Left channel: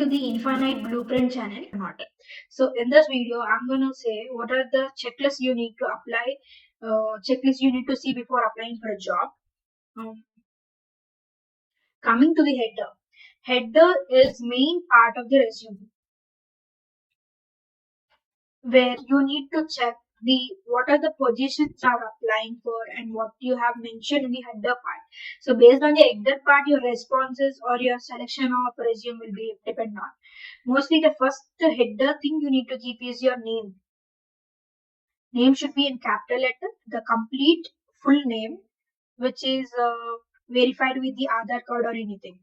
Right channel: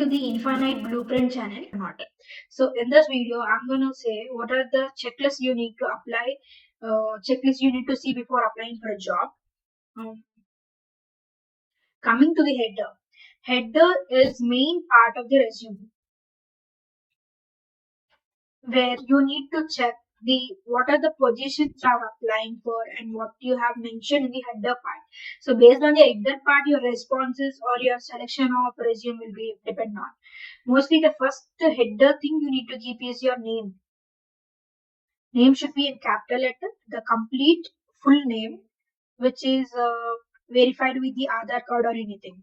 to the Infinite Blueprint channel or not. So in this video, I'm gonna say what are the checklists you need to apply, checklists you need to see before applying for a job. Um, Coming to the header. Header is main part of the resume where you need to check the what are the positions you are applying for and what you have mentioned in the header part. So based on the header part, your responses or your selection of resume will be depend on. Mostly the first header thing you need to keep is your name. Name should be in capital letter, the complete full name, which is verified with the Aadhaar card or anything.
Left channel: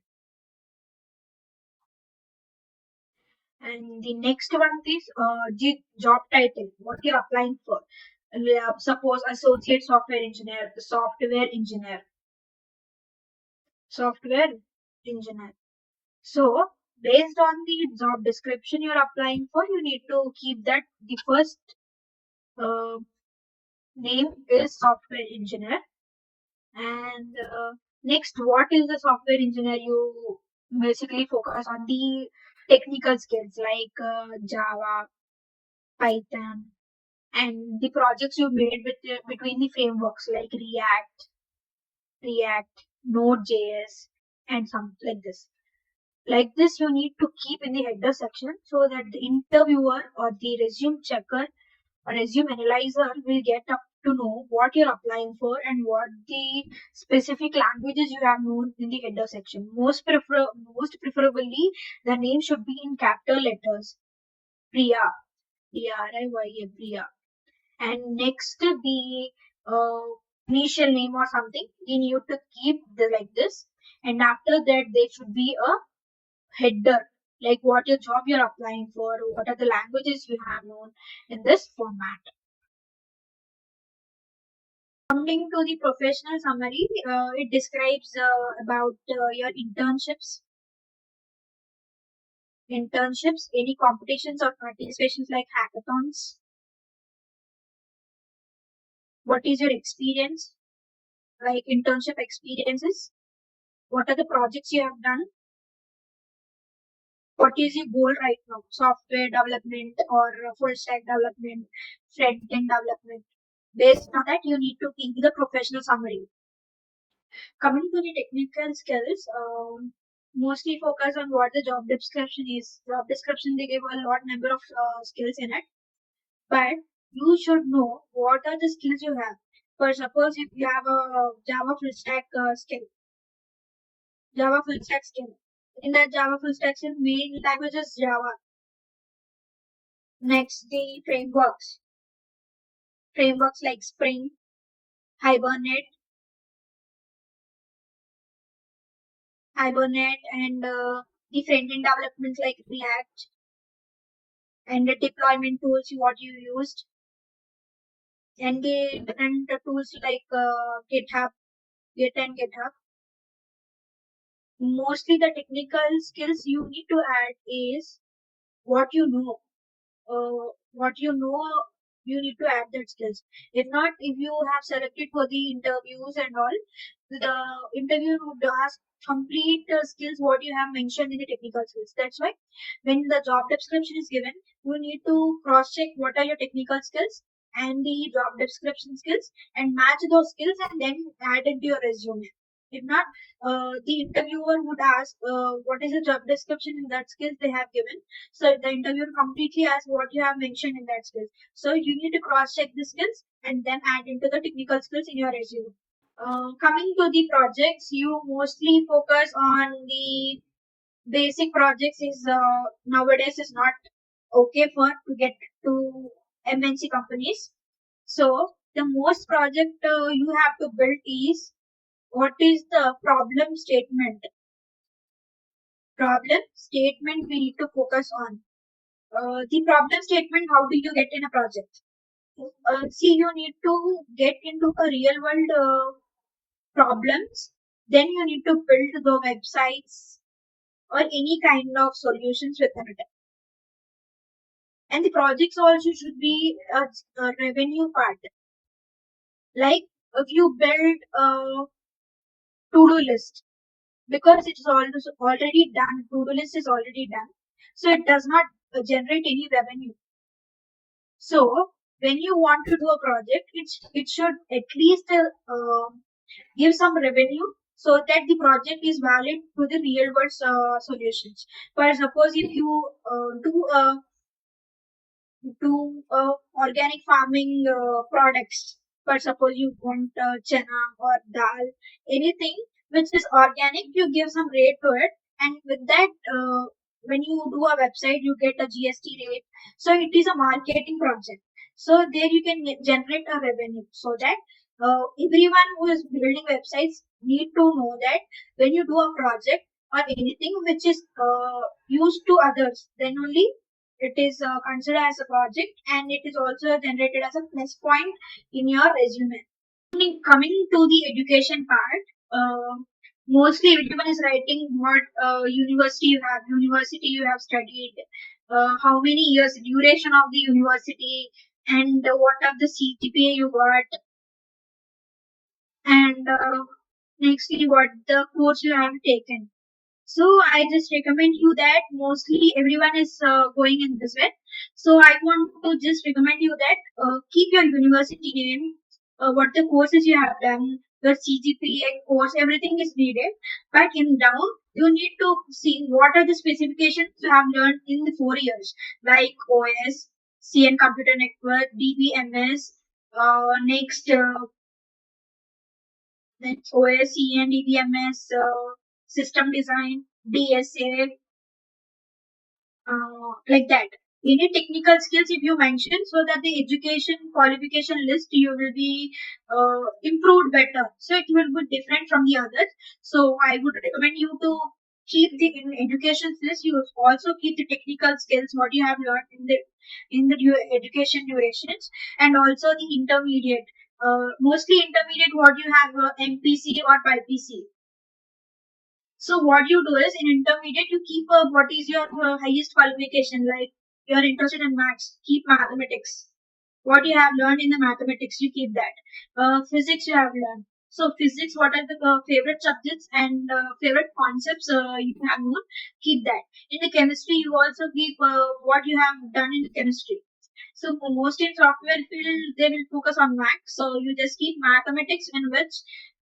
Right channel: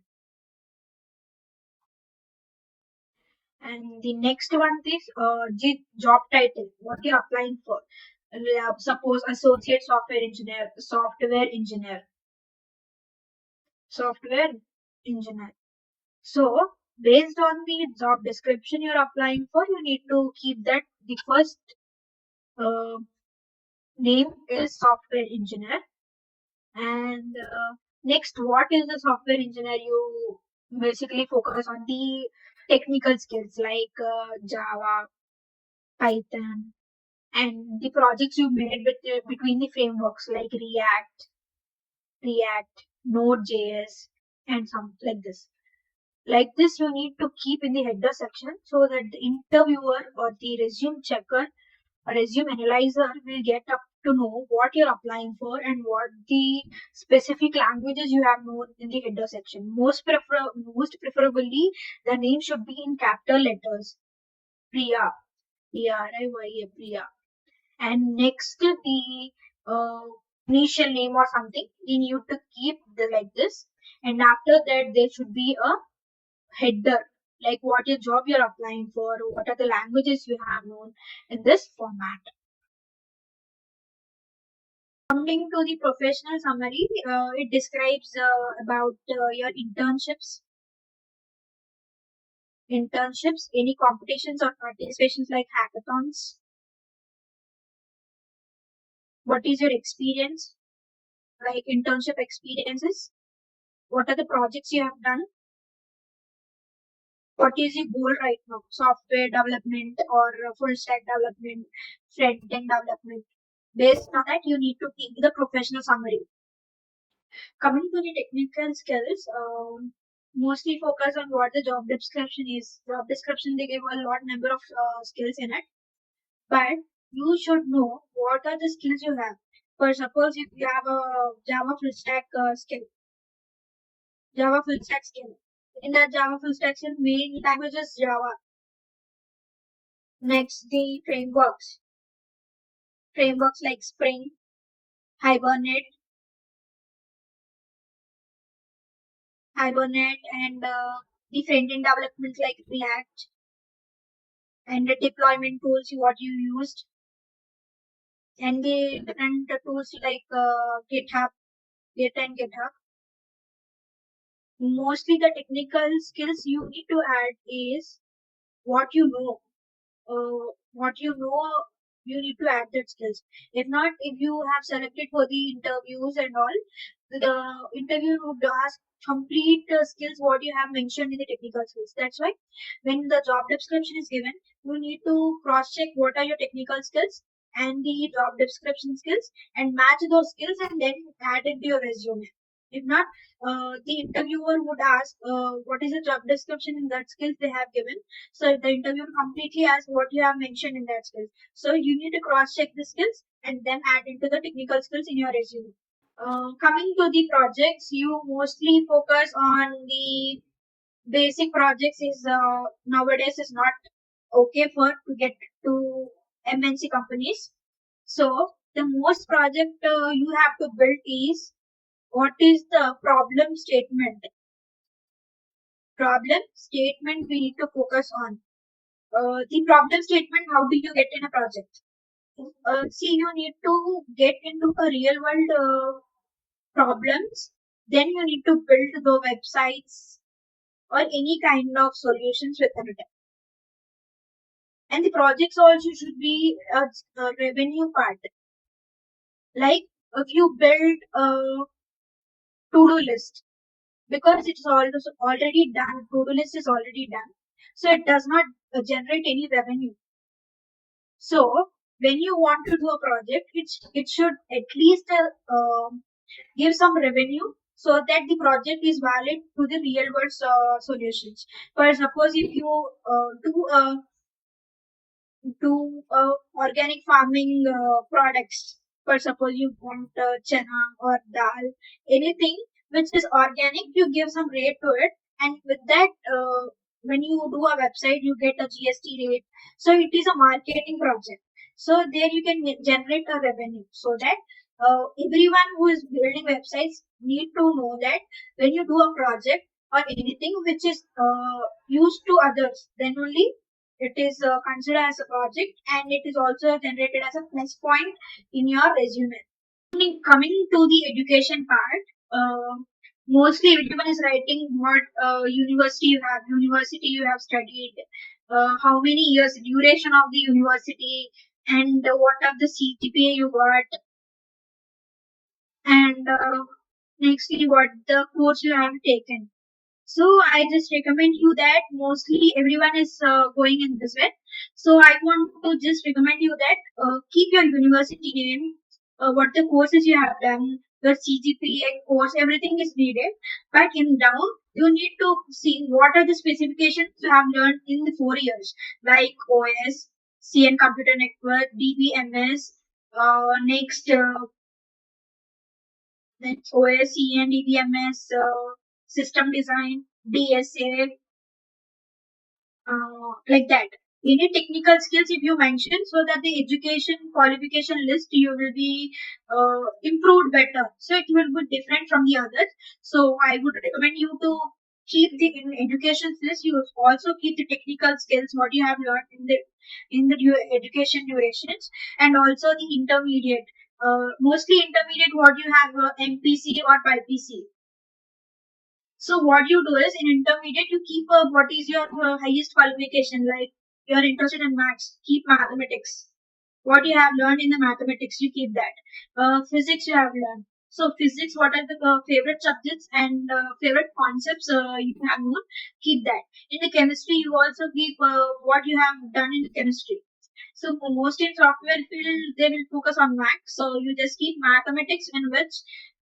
And the next one is job title, what you're applying for. Suppose associate software engineer, software engineer. So based on the job description you're applying for, you need to keep that the first uh, name is software engineer. And next, what is the software engineer? You basically focus on the technical skills like Java, Python, and the projects you made between the frameworks like React, Node.js, and some like this. Like this, you need to keep in the header section so that the interviewer or the resume checker a resume analyzer will get up to know what you're applying for and what the specific languages you have known in the header section. Most preferably, the name should be in capital letters. Priya, Priya, Priya. And next, the uh, initial name or something you need to keep like this. And after that, there should be a header like what your job you're applying for, what are the languages you have known in this format. Coming to the professional summary, it describes about your internships, any competitions or participations like hackathons. What is your experience, like internship experiences? What are the projects you have done? What is your goal right now? Software development or full stack development, front end development. Based on that, you need to give the professional summary. Coming to the technical skills, mostly focus on what the job description is. Job description, they give a lot number of skills in it, but you should know what are the skills you have. For suppose if you have a Java full stack skill. In that Java full stack skill, main language is Java. Next, the frameworks like Spring, Hibernate, and the front-end development like React, and the deployment tools what you used, and the different tools like Git and GitHub. Mostly the technical skills you need to add is what you know. What you know, you need to add that skills. If not, if you have selected for the interviews and all, the interviewer would ask complete skills what you have mentioned in the technical skills. That's why when the job description is given, you need to cross check what are your technical skills and the job description skills and match those skills and then add into your resume. If not, the interviewer would ask what is the job description in that skills they have given. So the interviewer completely asks what you have mentioned in that skills. So you need to cross check the skills and then add into the technical skills in your resume. Coming to the projects, you mostly focus on the basic projects is nowadays is not okay for to get to MNC companies. So the most project you have to build is what is the problem statement we need to focus on. The problem statement, how do you get in a project? See, you need to get into a real world problems, then you need to build the websites or any kind of solutions within it. And the projects also should be a revenue part. Like if you build a to-do list, because it's already done, to-do list is already done. so it does not generate any revenue. So when you want to do a project, it should at least give some revenue so that the project is valid to the real world solutions. For suppose if you do organic farming products. For suppose you want chana or dal, anything which is organic, you give some rate to it, and with that, when you do a website, you get a GST rate. So it is a marketing project. So there you can generate a revenue, so that everyone who is building websites need to know that when you do a project or anything which is used to others, then only it is considered as a project, and it is also generated as a plus point in your resume. Coming to the education part, mostly everyone is writing what university you have studied, how many years duration of the university, and what are the CGPA you got, and nextly what the course you have taken. So I just recommend you that mostly everyone is going in this way. So I want to just recommend you that keep your university name, what the courses you have done, your CGPA course, everything is needed. But in down, you need to see what are the specifications you have learned in the 4 years, like OS, CN Computer Network, DBMS, next then OS, CN, DBMS, system design, DSA, like that. Any technical skills if you mention, so that the education qualification list you will be improved better. So it will be different from the others. So I would recommend you to keep the in education list. You also keep the technical skills what you have learned in the education durations, and also the intermediate. Mostly intermediate what you have MPC or BPC. So what you do is in intermediate you keep what is your highest qualification, like you're interested in maths, keep mathematics. What you have learned in the mathematics, you keep that. Physics you have learned. So physics, what are the favorite subjects and favorite concepts you have known, keep that. In the chemistry, you also keep what you have done in chemistry. So most in software field, they will focus on math. So you just keep mathematics in which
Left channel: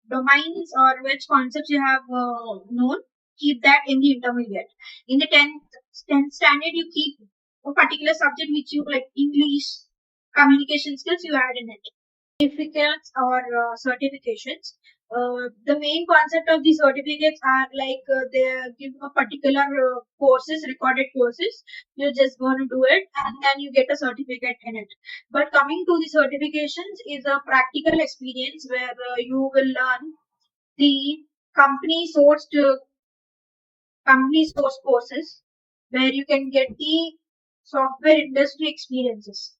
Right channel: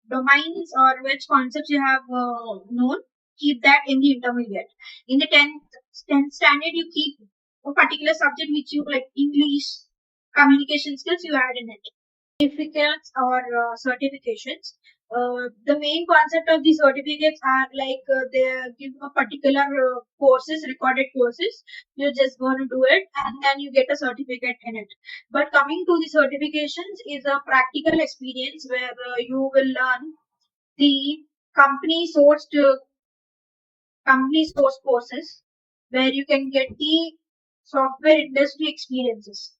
domains or which concepts you have known, keep that in the intermediate. In the 10th standard, you keep a particular subject which you like English, communication skills, you add in it. Certificates or certifications. The main concept of the certificates are like they give a particular courses, recorded courses. You're just going to do it and then you get a certificate in it. But coming to the certifications is a practical experience where you will learn the company sourced company source courses where you can get the software industry experiences.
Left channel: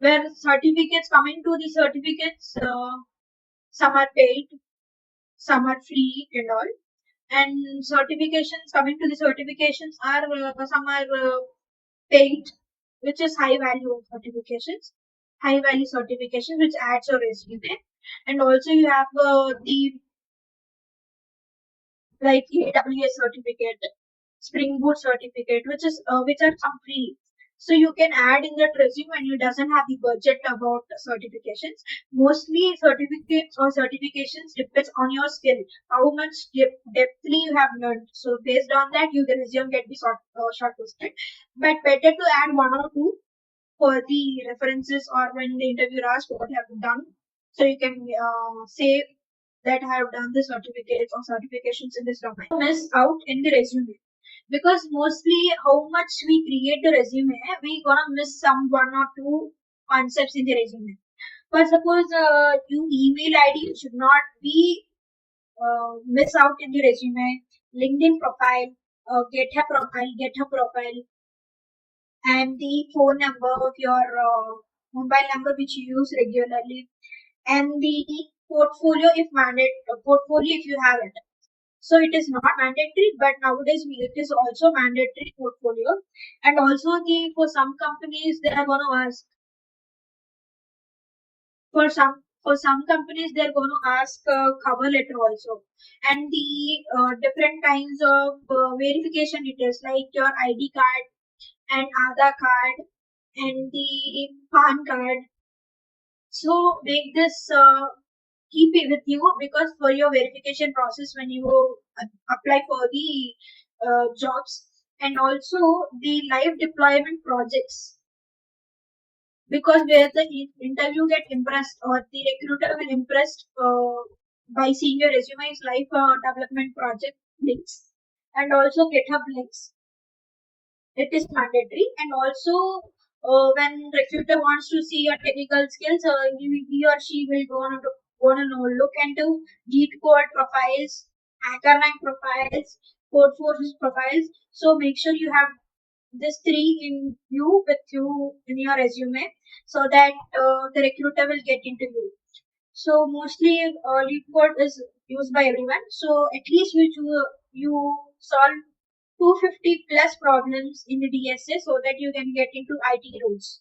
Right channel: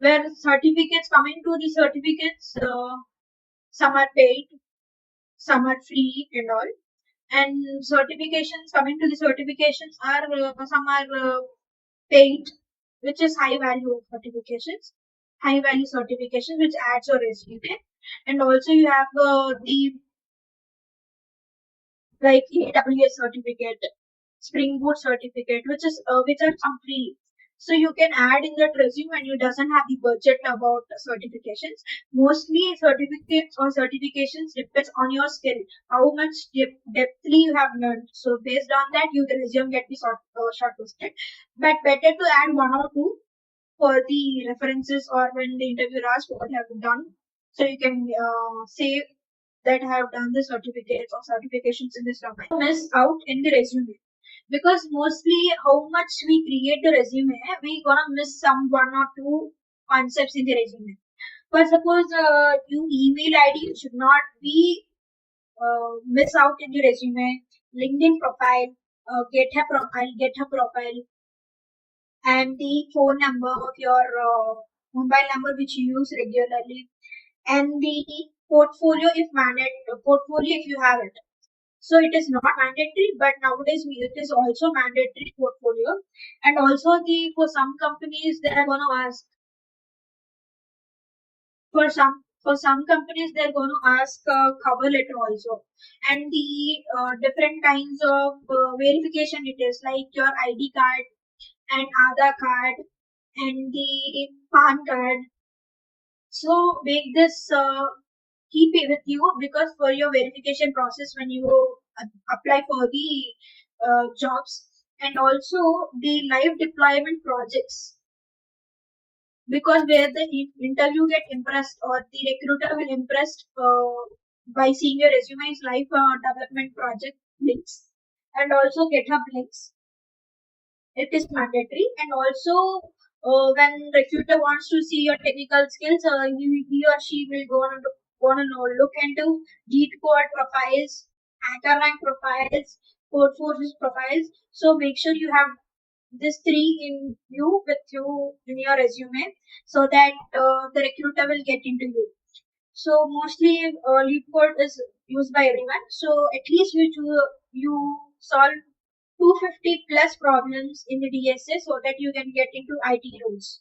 Where certificates, coming to the certificates, some are paid, some are free and all. And certifications, coming to the certifications, are some are paid, which is high value certifications, high value certifications, which adds your resume. And also you have the like AWS certificate, Spring Boot certificate, which are some free. So you can add in that resume when you doesn't have the budget about certifications. Mostly certificates or certifications depends on your skill, how much depthly you have learned. So based on that, you the resume get be shortlisted. But better to add one or two for the references or when the interviewer asks what you have done. So you can say that I have done the certificates or certifications in this domain. Miss out in the resume, because mostly how much we create the resume, we gonna miss some one or two concepts in the resume. But suppose you email ID should not be miss out in the resume, LinkedIn profile, GitHub profile, and the phone number of your mobile number which you use regularly, and the portfolio if portfolio if you have it. So it is not mandatory, but nowadays it is also mandatory portfolio. And also for some companies they are going to ask for For some companies, they're going to ask cover letter also, and the different kinds of verification details like your ID card and Aadhaar card and the PAN card. So make this keep it with you, because for your verification process when you apply for the jobs, and also the live deployment projects, because where the interview get impressed or the recruiter will impressed by seeing your resume's live development project links, and also GitHub links. It is mandatory. And also when recruiter wants to see your technical skills, he or she will go to know, look into Git code profiles, hacker rank profiles, code forces profiles. So make sure you have this three in you with you in your resume, so that the recruiter will get into you. So mostly lead code is used by everyone. So at least you solve 250 plus problems in the DSA so that you can get into IT roles.